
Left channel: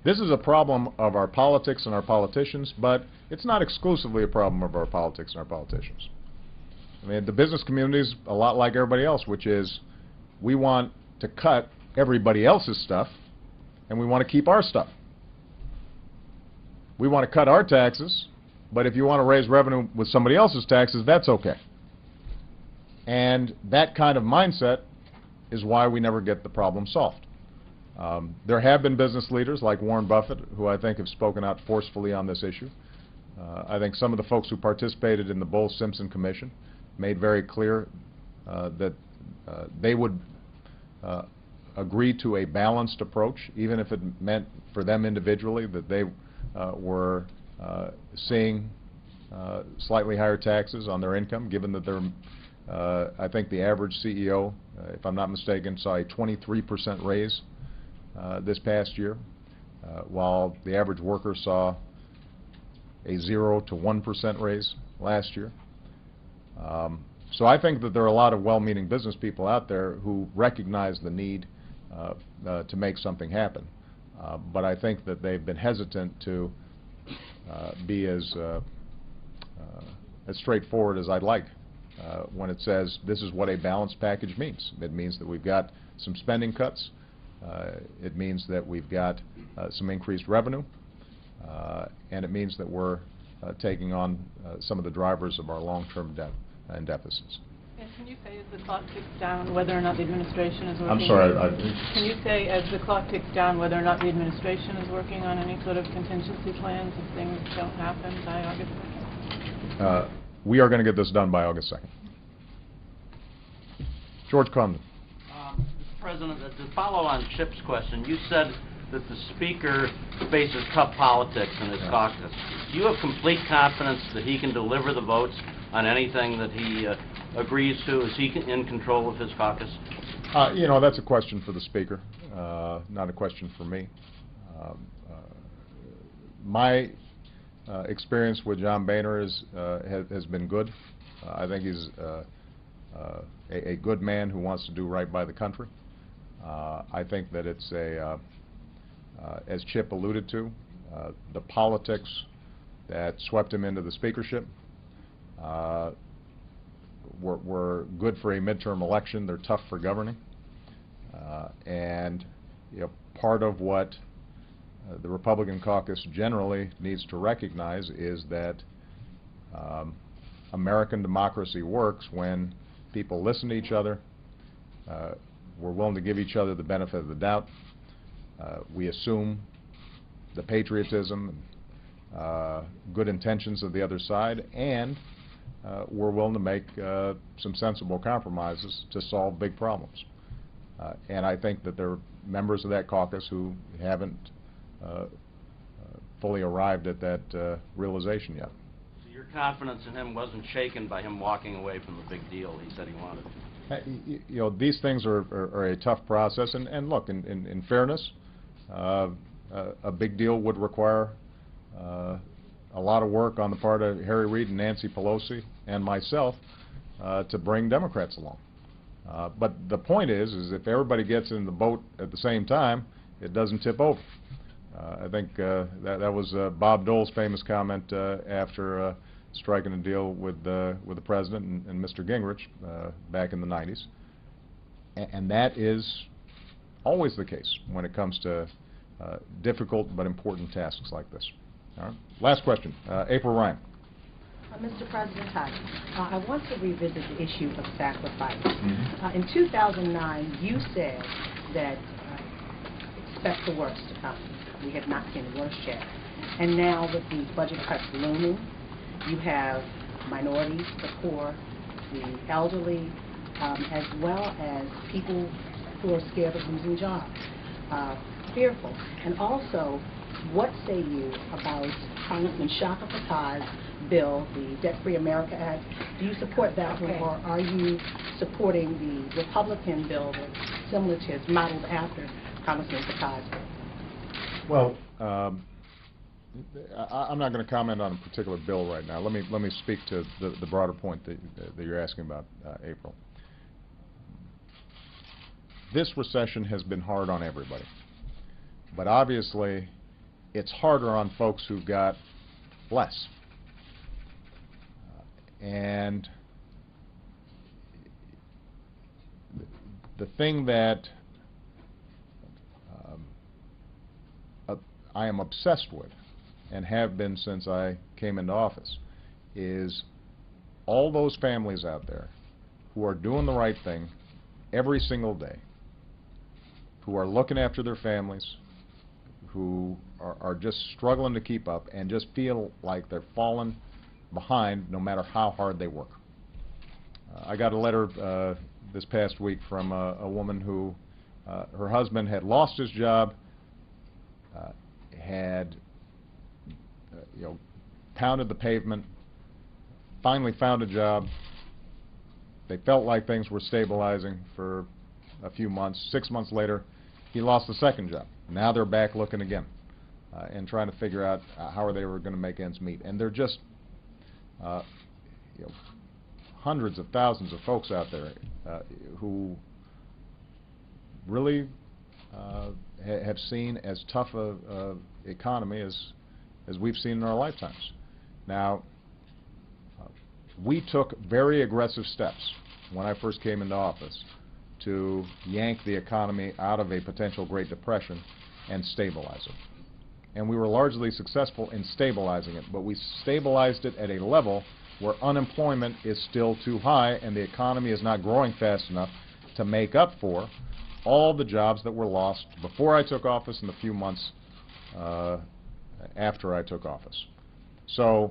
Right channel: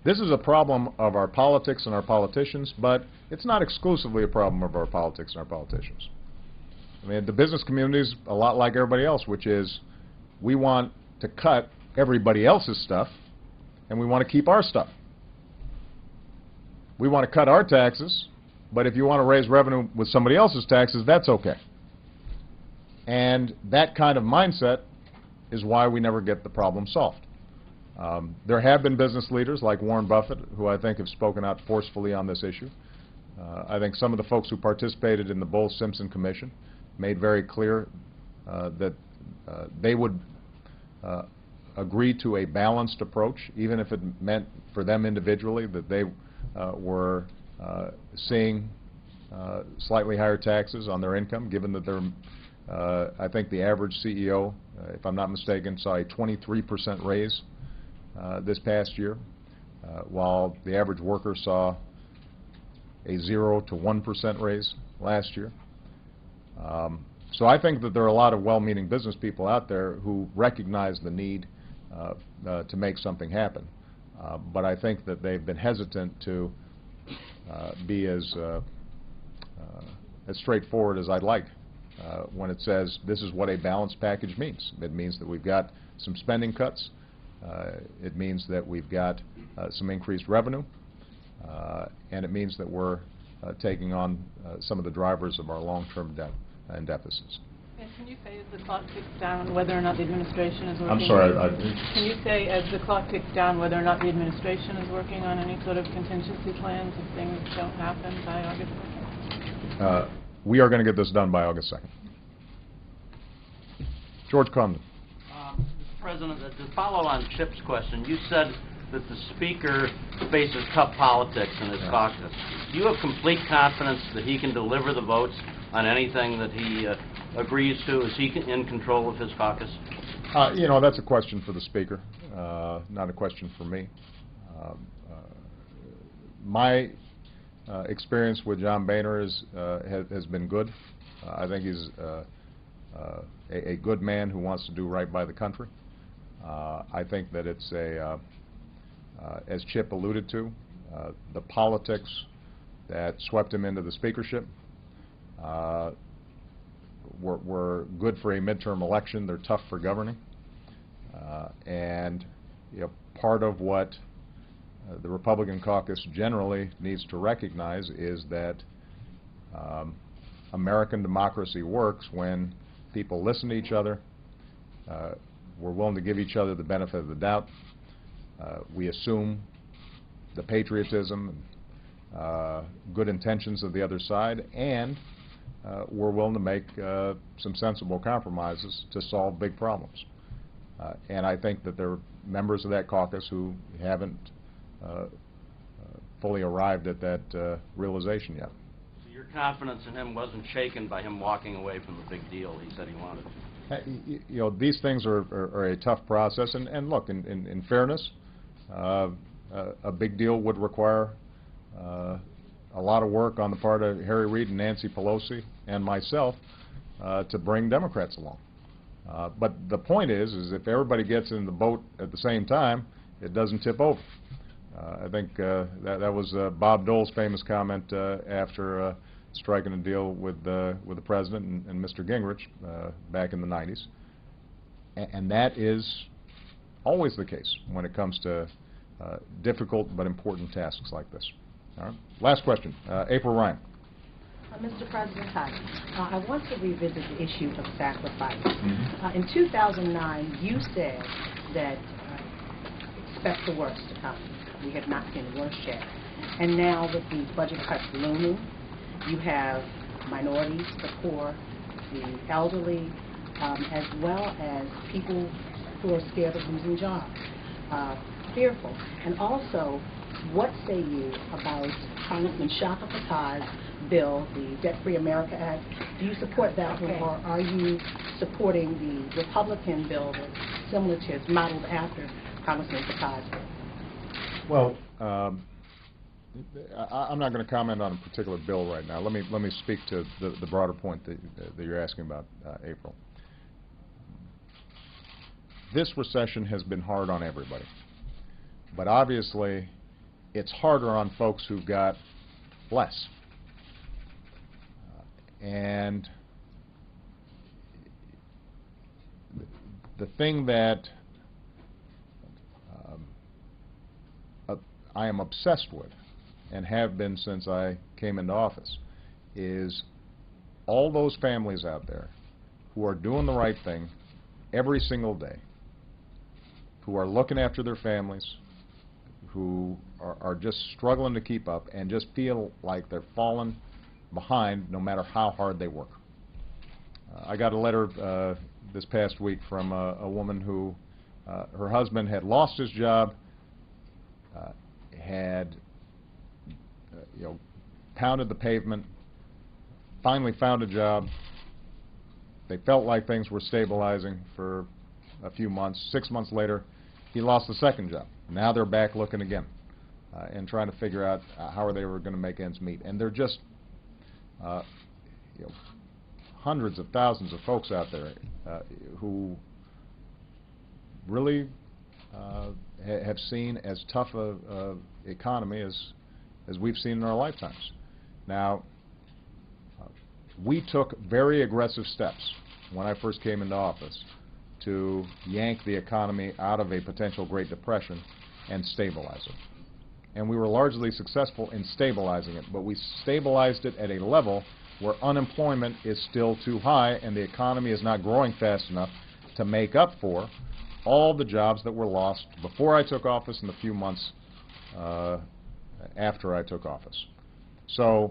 this is a problem of our politics and our politicians, but it's not exclusively a problem of our politics and our politicians. I mean, the business community is a lot like everybody else, which is we want to cut everybody else's stuff, and we want to keep our stuff. We want to cut our taxes, but if you want to raise revenue with somebody else's taxes, that's okay. And that kind of mindset is why we never get the problem solved. There have been business leaders like Warren Buffett who I think have spoken out forcefully on this issue. I think some of the folks who participated in the Bowles-Simpson Commission made very clear that they would agree to a balanced approach, even if it meant for them individually that they were seeing slightly higher taxes on their income, given that they're, I think the average CEO, if I'm not mistaken, saw a 23% raise this past year, while the average worker saw a 0 to 1% raise last year. So I think that there are a lot of well-meaning business people out there who recognize the need to make something happen. But I think that they've been hesitant to be as straightforward as I'd like when it says this is what a balanced package means. It means that we've got some spending cuts. It means that we've got some increased revenue. And it means that we're taking on some of the drivers of our long-term debt and deficits. And can you say as the clock ticks down whether or not the administration is working? I'm sorry. Can you say as the clock ticks down whether or not the administration is working on any sort of contingency plans if things don't happen by August 2nd? We are going to get this done by August 2nd. George Crumden. Mr. President, to follow on Chip's question, you said that the Speaker faces tough politics in his caucus. Do you have complete confidence that he can deliver the votes on anything that he agrees to? Is he in control of his caucus? You know, that's a question for the Speaker, not a question for me. My experience with John Boehner has been good. I think he's a good man who wants to do right by the country. I think that it's as Chip alluded to, the politics that swept him into the speakership were good for a midterm election. They're tough for governing. And you know, part of what the Republican caucus generally needs to recognize is that American democracy works when people listen to each other, we're willing to give each other the benefit of the doubt, we assume the patriotism, good intentions of the other side, and we're willing to make some sensible compromises to solve big problems. And I think that there are members of that caucus who haven't fully arrived at that realization yet. So your confidence in him wasn't shaken by him walking away from the big deal he said he wanted? You know, these things are a tough process, and look, in fairness, a big deal would require a lot of work on the part of Harry Reid and Nancy Pelosi and myself to bring Democrats along. But the point is if everybody gets in the boat at the same time, it doesn't tip over. I think that was Bob Dole's famous comment after striking a deal with the President and Mr. Gingrich back in the 90s. And that is always the case when it comes to difficult but important tasks like this. All right. Last question. April Ryan. Mr. President, hi. I want to revisit the issue of sacrifice. In 2009, you said that expect the worst to come. We have not seen the worst yet. And now with these budget cuts looming, you have minorities, the poor, the elderly, as well as people who are scared of losing jobs, fearful. And also, What say you about Congressman Shaka Fattah's bill, the Debt-Free America Act? Do you support that one, or are you supporting the Republican bill that's similar to, it's modeled after Congressman Fattah's bill? Well, I'm not going to comment on a particular bill right now. Let me speak to the broader point that you're asking about, April. This recession has been hard on everybody, but obviously it's harder on folks who've got less. And the thing that I am obsessed with, and have been since I came into office, is all those families out there who are doing the right thing every single day, who are looking after their families, who are just struggling to keep up and just feel like they're falling behind no matter how hard they work. I got a letter this past week from a woman who her husband had lost his job, had pounded the pavement, finally found a job. They felt like things were stabilizing for a few months. 6 months later, he lost the second job. Now they're back looking again and trying to figure out how they were going to make ends meet. And they're just hundreds of thousands of folks out there who really have seen as tough a economy as we've seen in our lifetimes. Now, we took very aggressive steps when I first came into office to yank the economy out of a potential Great Depression and stabilize it. And we were largely successful in stabilizing it, but we stabilized it at a level where unemployment is still too high and the economy is not growing fast enough to make up for all the jobs that were lost before I took office and the few months after I took office. So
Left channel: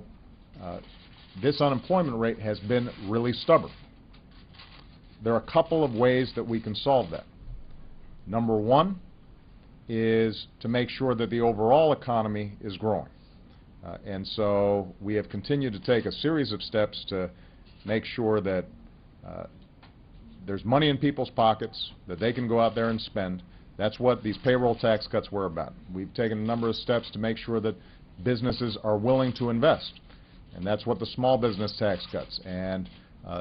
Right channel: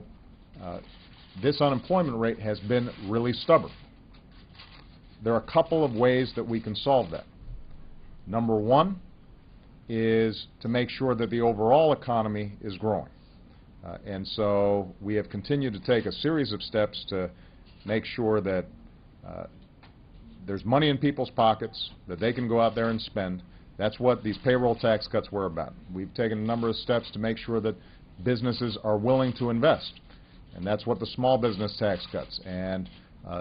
this unemployment rate has been really stubborn. There are a couple of ways that we can solve that. Number one is to make sure that the overall economy is growing. And so we have continued to take a series of steps to make sure that there's money in people's pockets, that they can go out there and spend. That's what these payroll tax cuts were about. We've taken a number of steps to make sure that businesses are willing to invest. And that's what the small business tax cuts and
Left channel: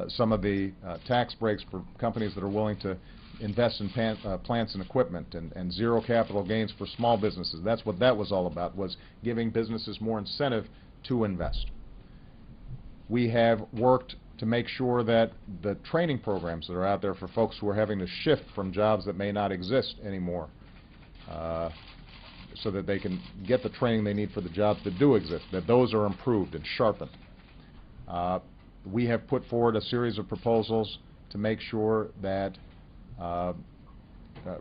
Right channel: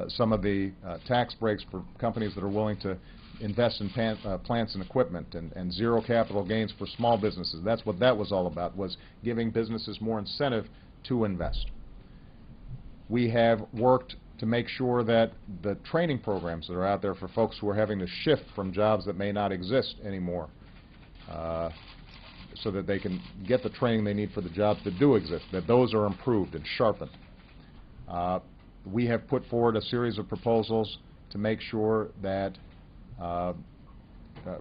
some of the tax breaks for companies that are willing to invest in plants and equipment and zero capital gains for small businesses. That's what that was all about, was giving businesses more incentive to invest. We have worked to make sure that the training programs that are out there for folks who are having to shift from jobs that may not exist anymore so that they can get the training they need for the jobs that do exist, that those are improved and sharpened. We have put forward a series of proposals to make sure that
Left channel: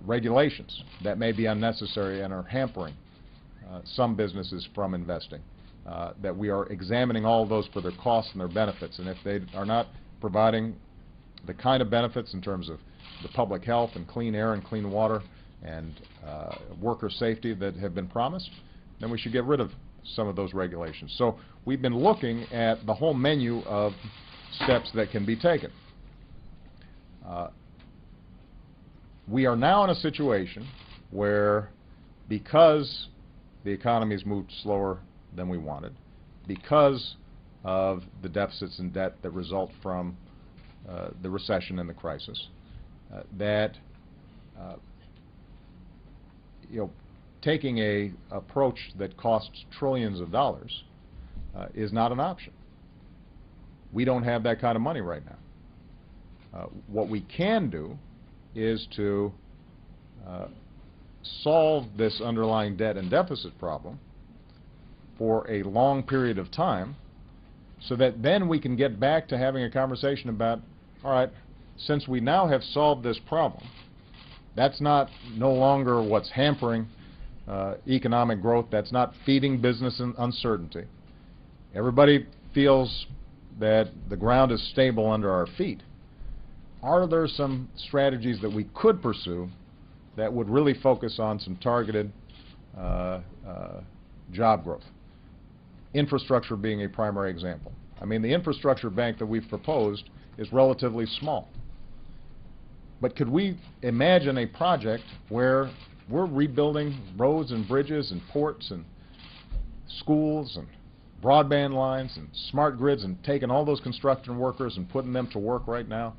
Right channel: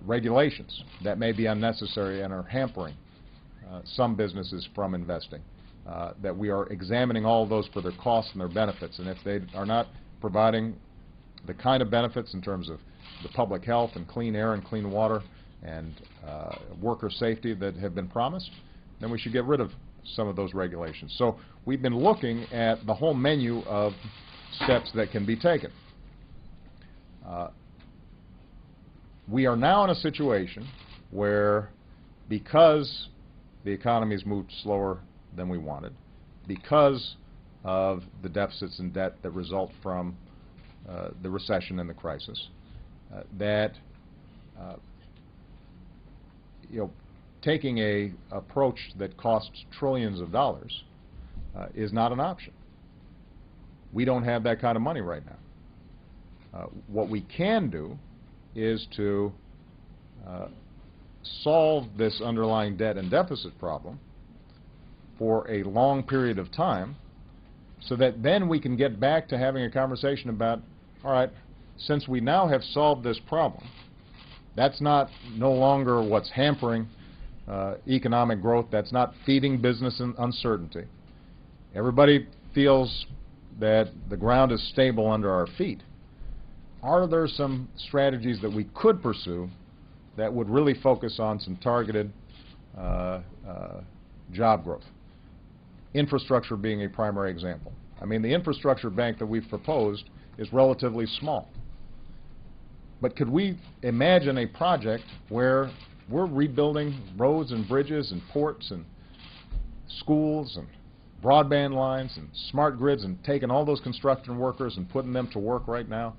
regulations that may be unnecessary and are hampering some businesses from investing, that we are examining all of those for their costs and their benefits. And if they are not providing the kind of benefits in terms of the public health and clean air and clean water and worker safety that have been promised, then we should get rid of some of those regulations. So we've been looking at the whole menu of steps that can be taken. We are now in a situation where, because the economy has moved slower than we wanted, because of the deficits and debt that result from the recession and the crisis, that taking a approach that costs trillions of dollars is not an option. We don't have that kind of money right now. What we can do is to solve this underlying debt and deficit problem for a long period of time, so that then we can get back to having a conversation about, all right, since we now have solved this problem, that's not no longer what's hampering economic growth, that's not feeding business uncertainty. Everybody feels that the ground is stable under our feet. Are there some strategies that we could pursue that would really focus on some targeted job growth. Infrastructure being a primary example. I mean, the infrastructure bank that we've proposed is relatively small. But could we imagine a project where we're rebuilding roads and bridges and ports and schools and broadband lines and smart grids and taking all those construction workers and putting them to work right now?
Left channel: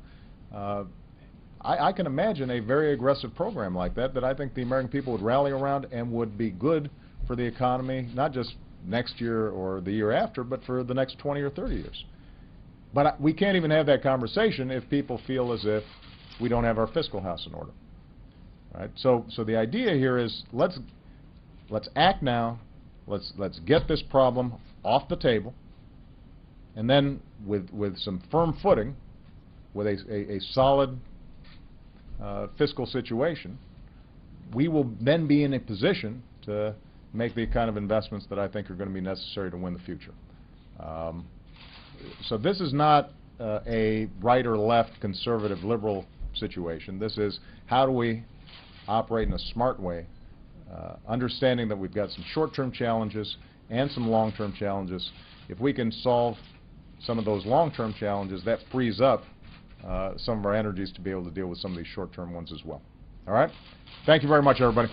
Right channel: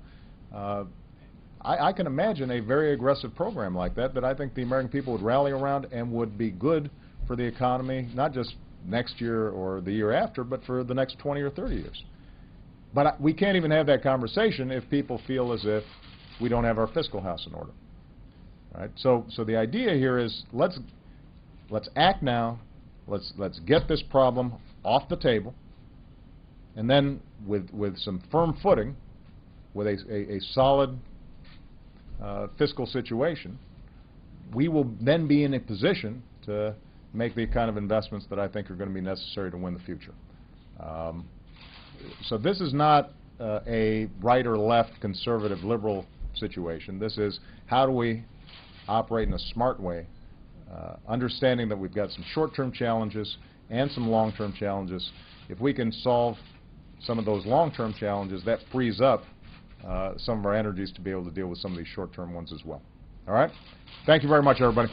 I can imagine a very aggressive program like that I think the American people would rally around and would be good for the economy, not just next year or the year after, but for the next 20 or 30 years. But we can't even have that conversation if people feel as if we don't have our fiscal house in order. Right? So the idea here is let's act now. Let's get this problem off the table, and then with some firm footing, with a solid fiscal situation, we will then be in a position to make the kind of investments that I think are going to be necessary to win the future. So this is not a right or left, conservative, liberal situation. This is how do we operate in a smart way, understanding that we've got some short-term challenges and some long-term challenges. If we can solve some of those long-term challenges, that frees up some of our energies to be able to deal with some of these short-term ones as well. All right? Thank you very much, everybody.